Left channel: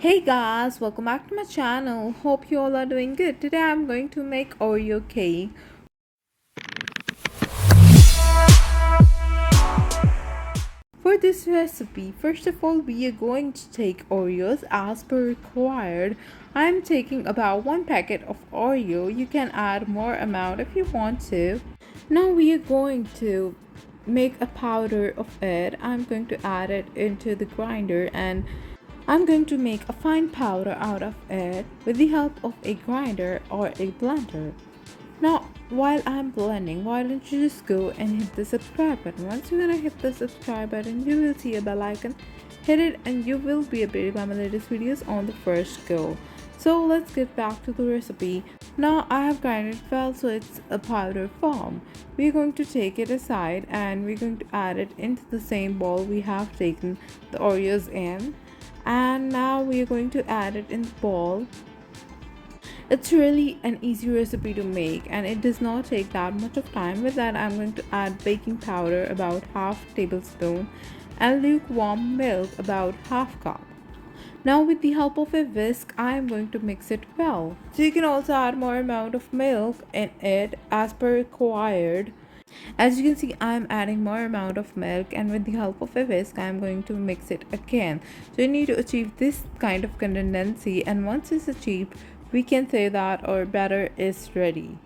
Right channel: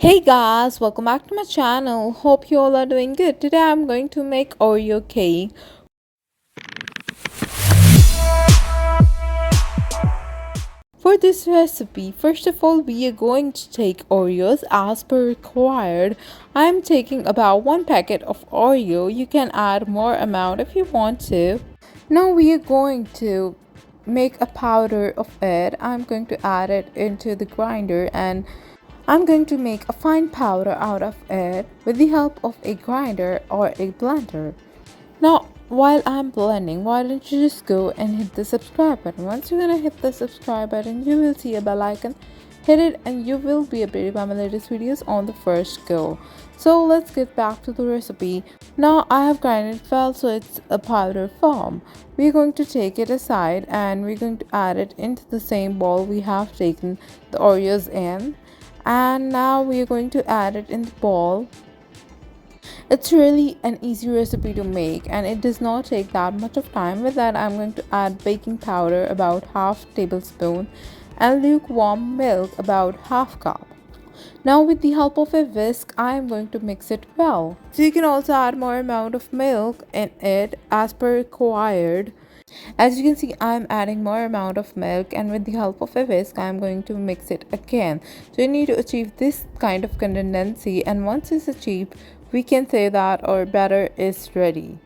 Hey guys, welcome back to my channel. Hope you all are doing good. Today I'm going to make Oreo cake. For this recipe, first of all, we are going to take Oreos as per required. I'm taking about one packet of Oreo. You can add more amount if you want to. Now we are going to make a powder of it. I'm going to add it into the grinder and I'm going to make a fine powder out of it with the help of a grinder or a blender. Now, while I'm blending, why don't you just go and hit the subscribe button? Once you're gonna hit the subscribe button, you will see a bell icon. Hit it and you will be updated by my latest videos on the first go. So let's get back to the recipe. Now I have grinded well so it's a powder form. We're going to take it aside and we're going to add it into the same bowl we have taken the Oreos in. And now we're going to add it in the bowl. It's really an easy recipe to make and it does not take that much of time. With that, I'm going to add baking powder about half tablespoon and lukewarm milk about half cup. Now with the help of a whisk, I am going to mix it well. So you can also add more amount of milk in it as per required. As you can see, I'm adding more amount of milk and with the help of a whisk, I'm going to mix it again. So you need to achieve this kind of consistency, and once it's achieved, we can say that our batter is ready.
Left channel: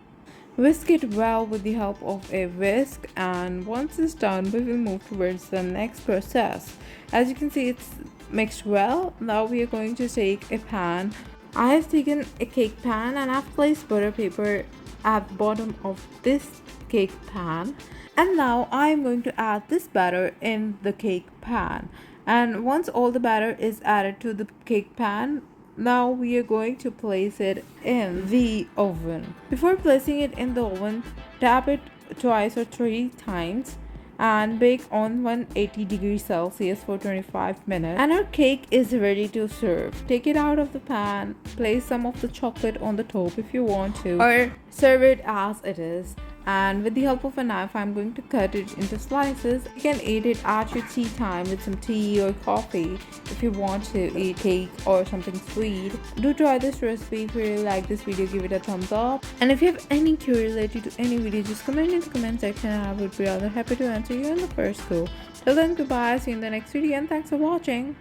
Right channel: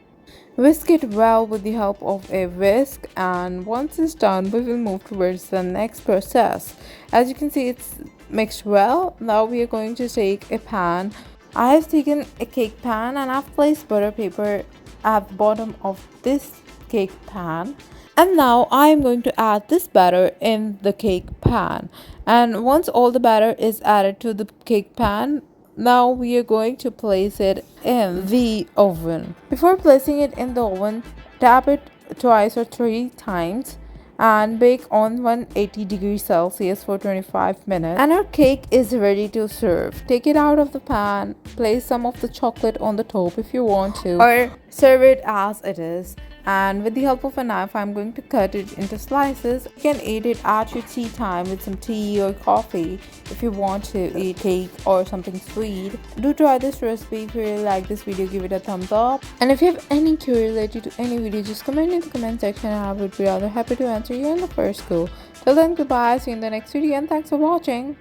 Whisk it well with the help of a whisk, and once it's done, we will move towards the next process. As you can see, it's mixed well. Now we are going to take a pan. I have taken a cake pan and I've placed butter paper at the bottom of this cake pan, and now I am going to add this batter in the cake pan. And once all the batter is added to the cake pan, now we are going to place it in the oven. Before placing it in the oven, tap it twice or three times and bake on 180 degrees Celsius for 25 minutes. And our cake is ready to serve. Take it out of the pan, place some of the chocolate on the top if you want to, or serve it as it is. And with the help of a knife, I'm going to cut it into slices. You can eat it at your tea time with some tea or coffee if you want to eat cake or something sweet. Do try this recipe. If you really like this video, give it a thumbs up. And if you have any query related to any video, just comment in the comment section and I would be rather happy to answer you in the first go. Till then, goodbye, see you in the next video and thanks for watching.